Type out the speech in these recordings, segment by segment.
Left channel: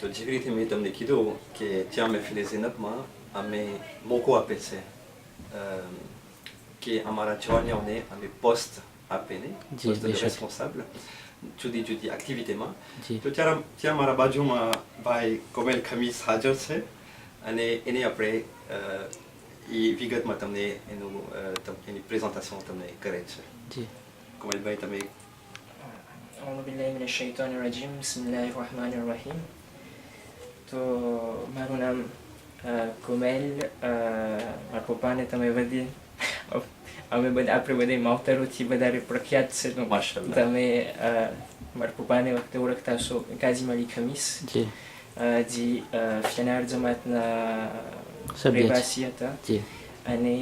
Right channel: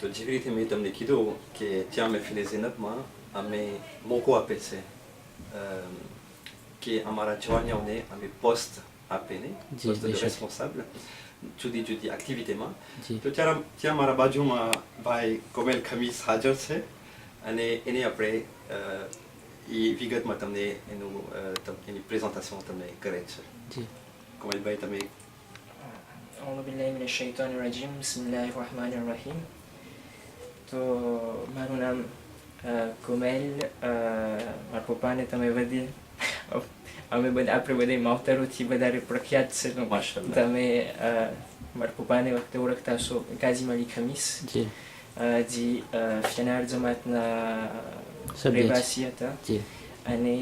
तो जिवरी थे मैं तुमने किधो कि क्या मैं फिले ज़िनब माँ हमें मोको आपे से कि हमारा जवानियों ने हमें poste आपे ने जी, poste de बेशक। responsable जुदी activité माँ जी। तो क्या हमारा बाजू माँ भाई कोमेल खमीस हाजर से अने इन्हें अपने ये विगत में तुमने इन्हें présentation तुमने करे थे जी। कोमेल भाई तुमने أعوذ بالله من الشيطان الرجيم بسم الله الرحمن الرحيم तो મારું નામ કોમેલ મારા પપ્પાને તમે બધી અમે બધા આપણે બધા માવતરોથી વધારે પ્રખ્યાત છે તો માશાલ્લાહ. તમે મારા પપ્પાને વખતે ઓળખતા હશો કાઝીમ અલી ખમીસ जी। જે ફ્યનાર જમાતના સભ્ય છે. રહેવાસી હતા जी। અને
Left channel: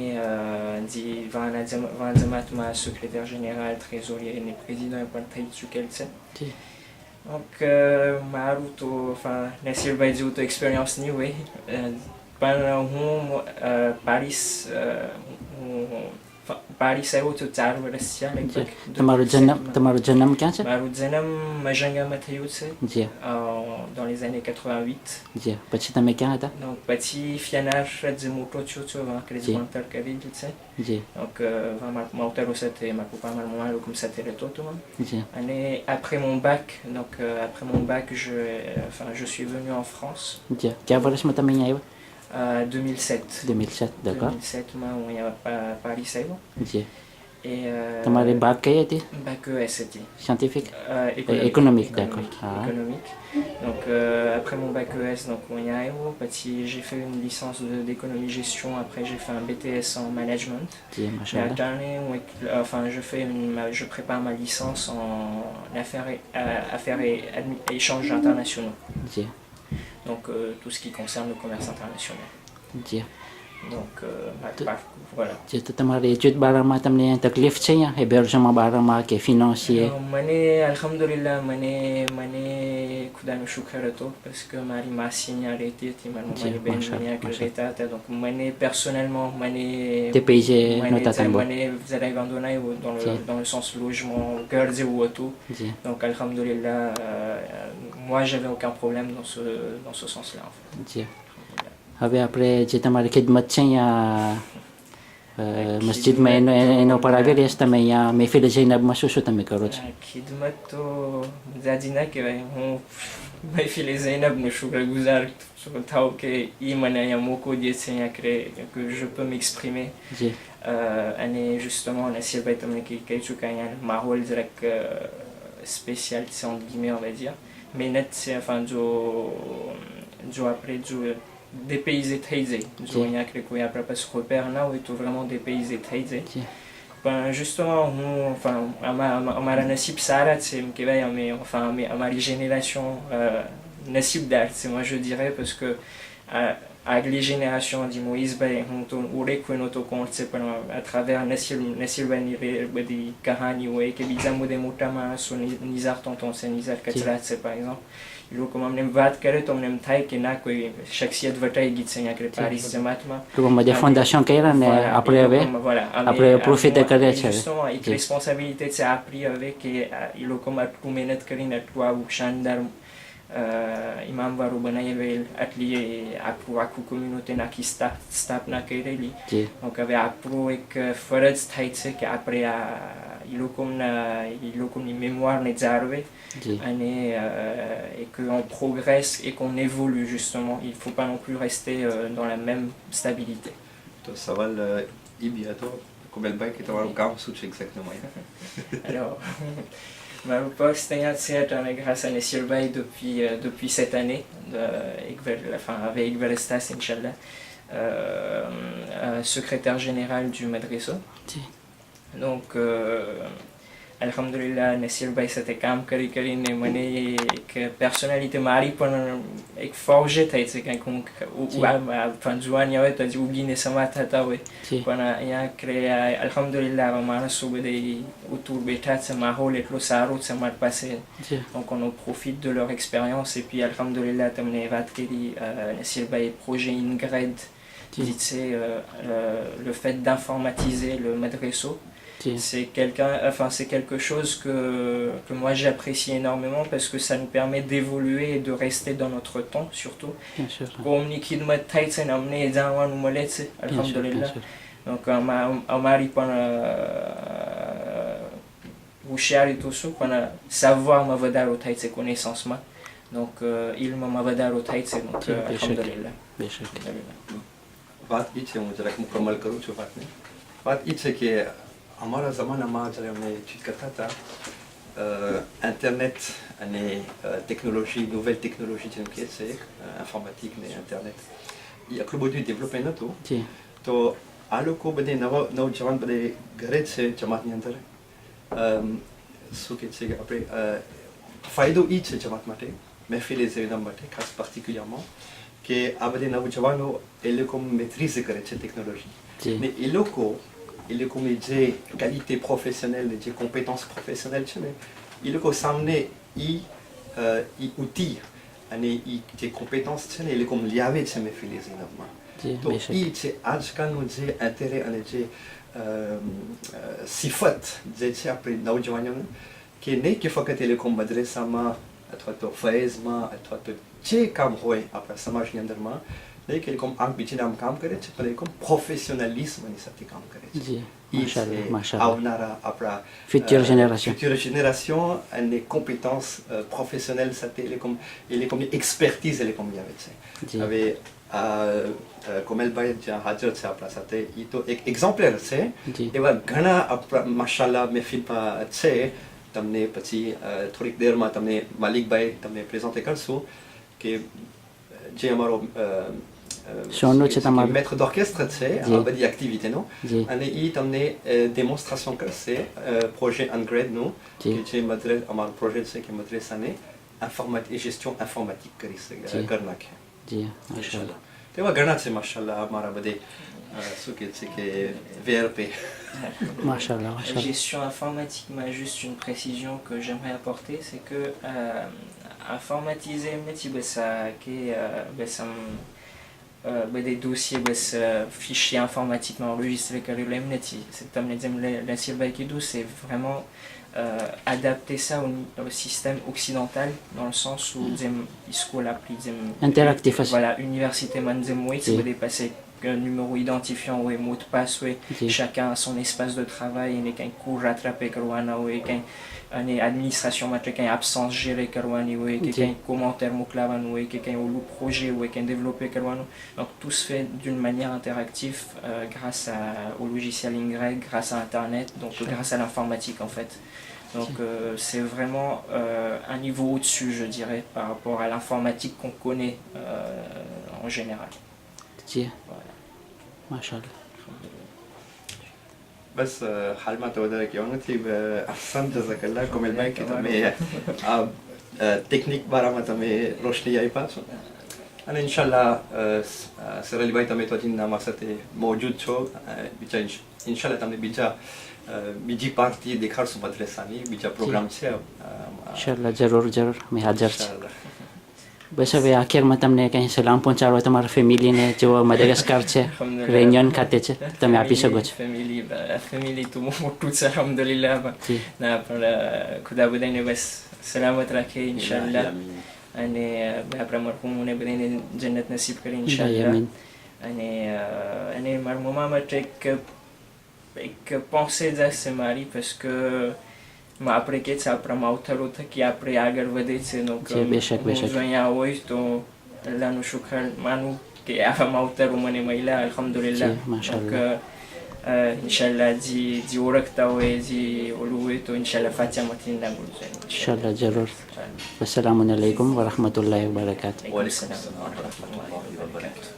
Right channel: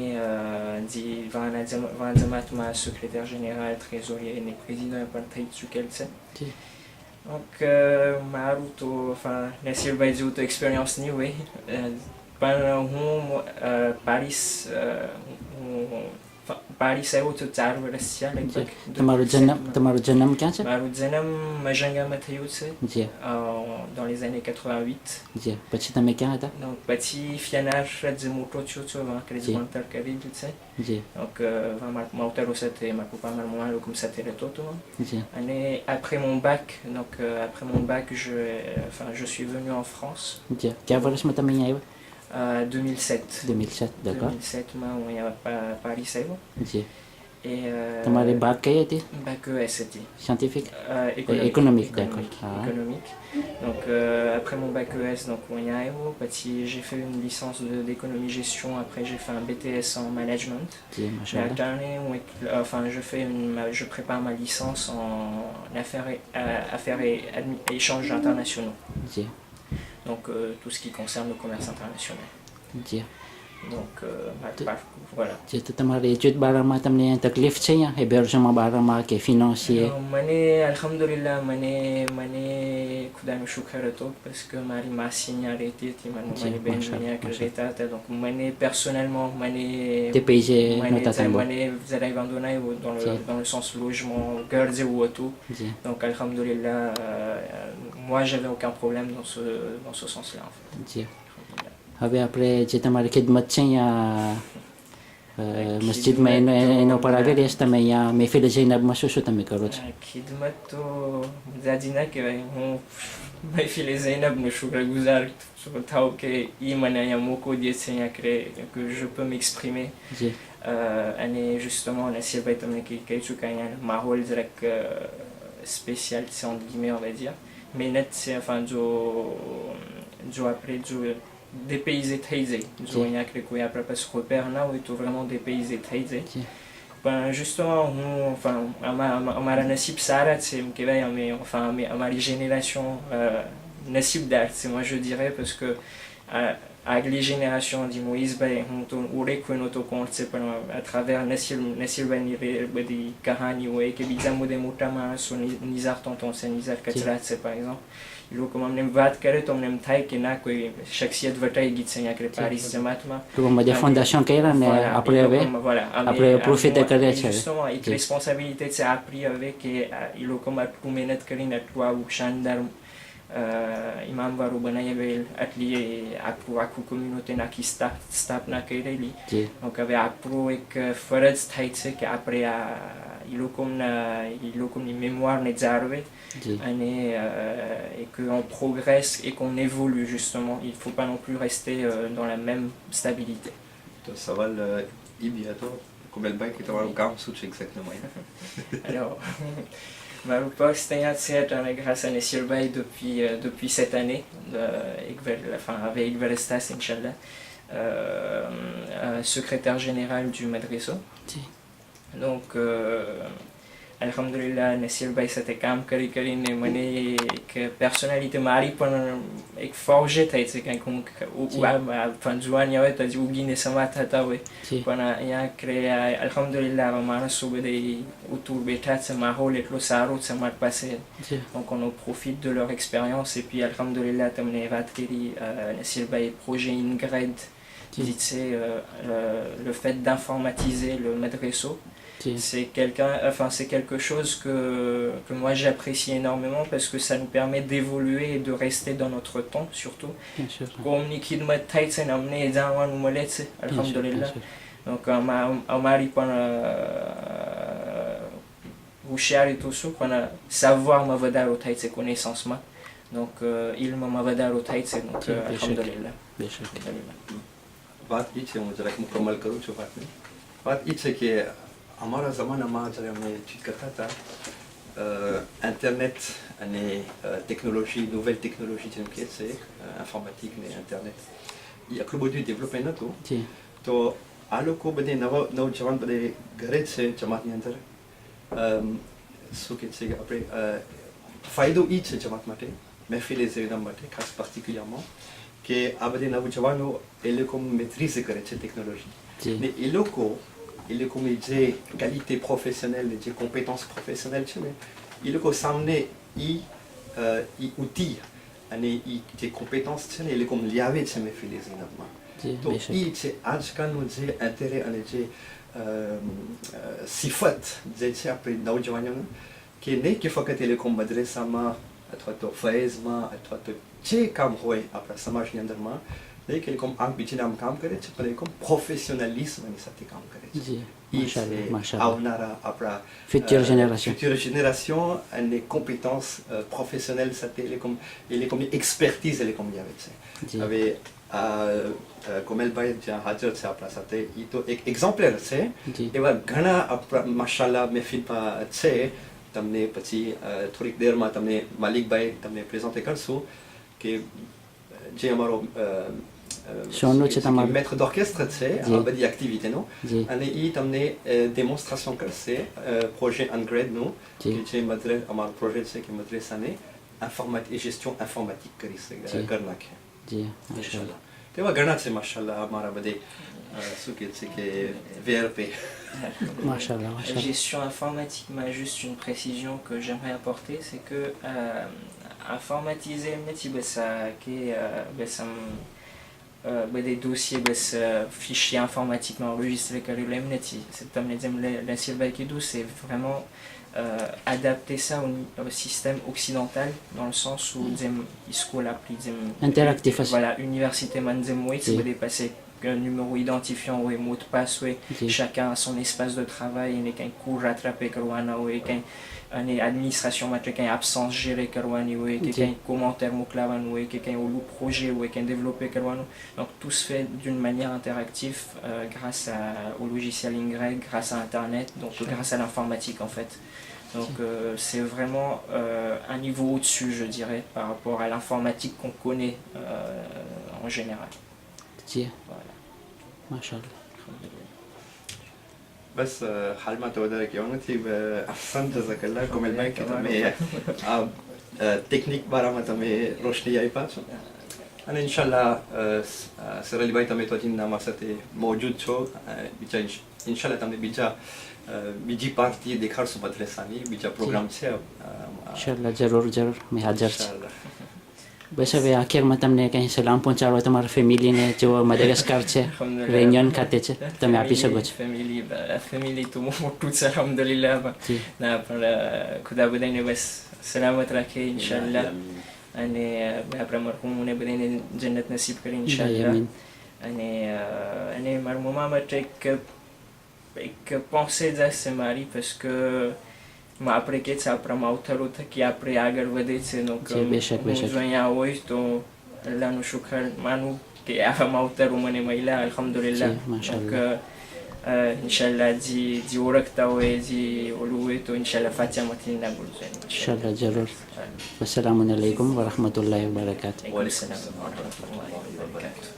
જે વાન જમાતમાં secrétaire général, trésorier અને président પણ થઈ ચૂકેલ છે. जी। Donc મારું તો નસીરભાઈ જેવું તો એક્સપિરિયન્સ નહીં હોય પણ હું પારિસ આવ્યો છું 4 વર્ષ થયા जी। લગભગ. તમારો જન્મ ક્યાં છે? મારું જન્મ મજંગામાં થયું છે जी। dans les années 88. जी। પછી તમે ક્યાં હતા? Donc પછી ફ્યાનાર જે મોટો થયો છું વાંકરે જી. જ ભણતર કરેલું છે. जी। Donc મારા માવતરો સાથે મારા પપ્પા મારા મમ્મા લોકો સાથે રહેતો હતો. जी। Et après mon bac, je suis venu en France. जी। क्या વર્ષમાં તમે અહીંયા આવ્યા? 2007. 2007, d'accord. 2007 માં હું અહીંયા પારિસ આવ્યો. जी। Et તમારી બાગ કઈ હતી? bac ES c'était. Scientifique? Économique. d'accord. Ah. Économique. Donc après mon bac ES, donc on y arrive. Puis j'ai fait une licence d'économie gestion. Après j'ai fait un BTS en management. Ji, Et machallah. alternée, je prépare ma licence en affaires et échanges internationaux. Ji. Donc tout ce qui concerne le commerce international. Ji. Donc voilà. જે તો તમારી એજ્યુટ બારામાં તમને તકલીફ છે અહીંયા હેબેર્જમાં બારામાં કે ફિનાન્સિયર? મને alhamdulillah મને ખુદાનો શુક્ર હતો parce que મારી માસી અહીંયા રહેતી હતી, મારી મમ્માની બેન અહીંયા રહેતા હતા. Donc મને personnellement તે પૈસે નહોતા તમે? મને જરાય વાંધો ના આવ્યો dans le sens logement ઘર જેવું હતું. जी। Donc alhamdulillah moi j'avais aucun problème dans ce sens là en fait. जी. હવે આપણે જે તમારી ખિદમત છે અહીંયા મસ્જિદમાં એના ઉપર આવી રહ્યા છો તમે અહીંયા મહેફિલ જૈનબમાં શું તમે કરો છો? ખિદમત તો જાજી ના કહેવાય. હું મહેફિલ ઝૈનબનો શુક્રગુજાર થાવ કે એ મને અહીંયા મોકો દે છે અહીંયા que je peux m'exprimer. जी। અને justement નસીરભાઈ તમને કહી ચૂક્યા અહીંયા માહોલ જરાક spécial c'est entre guillemets on va dire. Mais net c'est enfin જો આપણે જો dépaysé થઈ જાય, જો અહીંયા કોઈ આપણા પાસે repère ના હોય તો vraiment dépaysé થઈ જાય. પણ justement હું અમારા નસીબ સારા છે એમ કહેવાય. અમારી génération નસીબદાર છે moi je dirais parce que આગલી génération dit મોઈઝભાઈ હું તો ઓળખ્યો નહોતો કોણ છે પણ à travers નસીરભાઈની બધી કહાની હોય કે બીજા બધા મોટા માણસો નિઝાર tonton છે, નિઝાર કચરા છે par exemple. એ લોકો અમને વાત કરે તો અમને એમ થાય કે ના કોઈ શખ્સિયત વટાઈ ગઈ છે અહીંયા પારિસ જમાતમાં. ટૂંકમાં જે ફાઉન્ડેશન કર્યા ને આપણે હવે આપણે પ્રોફિટ કરે છે. justement એક responsabilité છે આપણી હવે કે એ લોકોમાં આટલું મહેનત કરીને આટલું આવું શાનદાર ઇમામવાળું બનાવેલ આટલી આખું કોમ્યુનિટીને આખી સ્થાપના કરેલી. donc હવે આપણું એક ફરજ થાય છે કે આપણે એ લોકોની mémoire જાળવે et qu'on progresse et qu'on évolue justement. Il ne faut pas non plus rester dans la même stabilité. तो सवाल ये भी है तो कोमेल भाई कि तुम्हारा काम सूच exactement है? Alors mon poste est grâce à Nessirbaï depuis cette année, avec Verestas, Inch'Allah, secrétaire général du Madriso. Donc, alhamdulillah, Nessirbaï c'était काम કરીને મને એક personnalité મારી પણ એક forgé થઈ છે કંઈક જુવાની હોય તો ઉગીને સમા થતા હોય પણ અહીંયા alhamdulillah માણસો બધા autour બેઠા છે, માહોલ એટલો સારો છે અમારી પાસે. donc on profite de leur expérience et puis alhamdulillah તમને વાત કરી નસીરભાઈ projet Ingrid Dites, c'est le fait d'informatiser le madresso. जी C'est c'est quelque chose que moi j'apprécie énormément parce que ça nous permet d'évoluer et de rester dans notre temps surtout. bien sûr Comme ni khidmat થાય છે ને અમને એ જાણવાનું મળે છે bien sûr bien અલ્હમ્દુલિલ્લાહ. sûr Donc અમારી પણ હોશિયારી તો શું પણ savoir વધારો થાય છે connaissance-માં. Donc ilmમાં વધારો થાય છે donc જી, બેશક. અલ્હમ્દુલિલ્લાહ. બેશક અલ્હમ્દુલિલ્લાહ. વાત એ છે, હું જરાક મુકમ્મલ કરું છું વાતને. વાત એ છે કે અમારા જમાનામાં જ્યારે અમે ચીજ કરતા હતા, ઇન્ટરનેટ અને ટેકનોલોજી, નોવેલ ટેકનોલોજી જેમ કે છે, ઇન્ફોર્મેટિક ને ઇન્ટરનેટ, એ આટલું બધું ડેવલપમેન્ટ નહોતું. જી તો આ લોકો બધે નવજવાન બધે ઘરે જ છે જમાતની અંદર. શું કહે છે કે આપણે ફાયદો એ છે જમાત માટે, મહેફિલે ઝેનમ માટે ખાસ પાર્ટિક્યુલરમાં, કે આ બધી નવજવાનો એ લોકો મેટ્રીઝ કરે છે ટેકનોલોજી. જી ને એ લોકોની જે ક્વોલિટી પ્રોફેશનલ, જે કોમ્પિટન્સ પ્રોફેશનલ છે ને, એ લોકો સામે એ ઉતી અને એ જે કોમ્પિટન્સ છે ને એ લોકો લઈ આવે છે મહેફિલે ઝેનમમાં. જી તો બેશક એ છે આજકાલનું જે ઇન્ટરેસ્ટ અને જે સિફત જે છે આપણે નવજવાનોને, કે નહીં કે ફક્ત એ લોકો મદ્રેસામાં અથવા તો ફૈઝમાં અથવા તો જે કામ હોય આપણા સમાજની અંદરમાં, નહીં કે એ લોકો આમ બીજીને આમ કામ કરે છે, પણ એ લોકો પ્રોફેશનલિઝમની સાથે કામ કરે છે. જી એ માશાલ્લાહ છે માશાલ્લાહ આવનારા આપણા Future generation. future generation અને કોમ્પિટન્સ પ્રોફેશનલ સાથે એ લોકોની એક્સપર્ટીઝ એ લોકોની આવે છે. જી હવે કોમલભાઈ જ્યાં હાજર છે આપણા સાથે, એ તો એક એક્ઝામ્પલર છે. જી એવા ઘણા આપણા માશાલ્લાહ મહેફિલમાં છે. તમને પછી થોડીક દેરમાં તમને માલિકભાઈ તમને પ્રેઝન્ટ કરશું કે જે અમારો શોનું છે તમારું? મેટ્ર d'orchestre છે જી. આ બધી એક્ટિવિટીનો, જી અને એ તમને ડેમોન્સ્ટ્રેશન કરશે પ્રોજેક્ટ અનગ્રેડનું, જી કે જે અમારો પ્રોજેક્ટ છે કે મદ્રેસાને gestion informatique કરી નાખે. જી માશાલ્લાહ તેવા ઘણા છે માશાલ્લાહ અમારા બધે. શું કહે છે કે VRP. માશાલ્લાહ માશાલ્લાહ Gestion informatique, mais juste une précision que j'aimerais apporter, c'est que informatiser des dossiers, fichiers informatiquement enregistrés, c'est vraiment adapter ça au système occidental, dans le sens où interactif aussi. voilà, université Manzemoué, Oui. c'est dépasser un numéro identifiant ou un mot de passe, oui. Oui. Chacun a son espace de travail, il y a un cours rattrapé, il y a une administration, il y a une absence gérée, il y a un commentaire, il y a un projet, il y a un développé. Donc tout se fait d'une manière interactive grâce au logiciel Y, grâce à Internet, donc grâce à l'informatique en fait. Donc c'est vraiment un niveau au-dessus, je dirais, par rapport à l'informatique qu'on connaît en général. જી Voilà. માશાલ્લાહ બસ હાલમાં તો વધારે કહેવાનું નથી. અહસન જઝાકલ્લાહ કોમલભાઈ કે તમે આ ટેકનિક બારામાં તમે રોશની આપ્યા છો. અને ઇન્શાલ્લાહ સરલીભાઈ તમે તો હજી અમારા સાથે મોજૂદ છો. બીજા ઇન્શાલ્લાહ તમને બીજી પાર્ટી દેખાડશું મદ્રેસાની, બીજા પ્રોગ્રામ છે. ઇન્શાલ્લાહ જરૂર જરૂર મેં હાજર છે. ઇન્શાલ્લાહ. બસ હવે આખિરમાં તમને કંઈ સલામ પહોંચાડો તમારા ફેમિલીને જેઓ મદાગાસ્કાર છે, રેન્યોન ખાતે છે, તમે આપી શકો છો. La famille tout le monde tout ça alhamdulillah. જી Na par khuda badaine bas salamat rakhe inshallah. અને આપણા મરહુમોને બધાને જન્નત નસીબ કરે ઇન્શાલ્લાહ. આમીન. અને મારા મમ્મા માટે એક pensée છે મારી, parce que આપણે કે છે આપણા માવતરો થકી આપણે આગળ વધે છે. donc જી, બેશક, હું બેશક. જો અહીંયા હોય તો અલ્લાહનું શુક્ર માનું કે આવા માવતરો મને મળ્યા અલ્હમ્દુલિલ્લાહ. જી, માશાઅલ્લાહ. donc ઇન્શાલ્લાહ જે ઓળખતા હોય, જે ઓલું હોય તો ઇન્શાલ્લાહ ફાતિહામાંથી ના બોલશે ઇન્શાલ્લાહ જરૂર. વસલામુ અલૈકુમ વરહમતુલ્લાહિ વબરકાતુહ. Wa alaikum salam wa rahmatullahi wa barakatuh.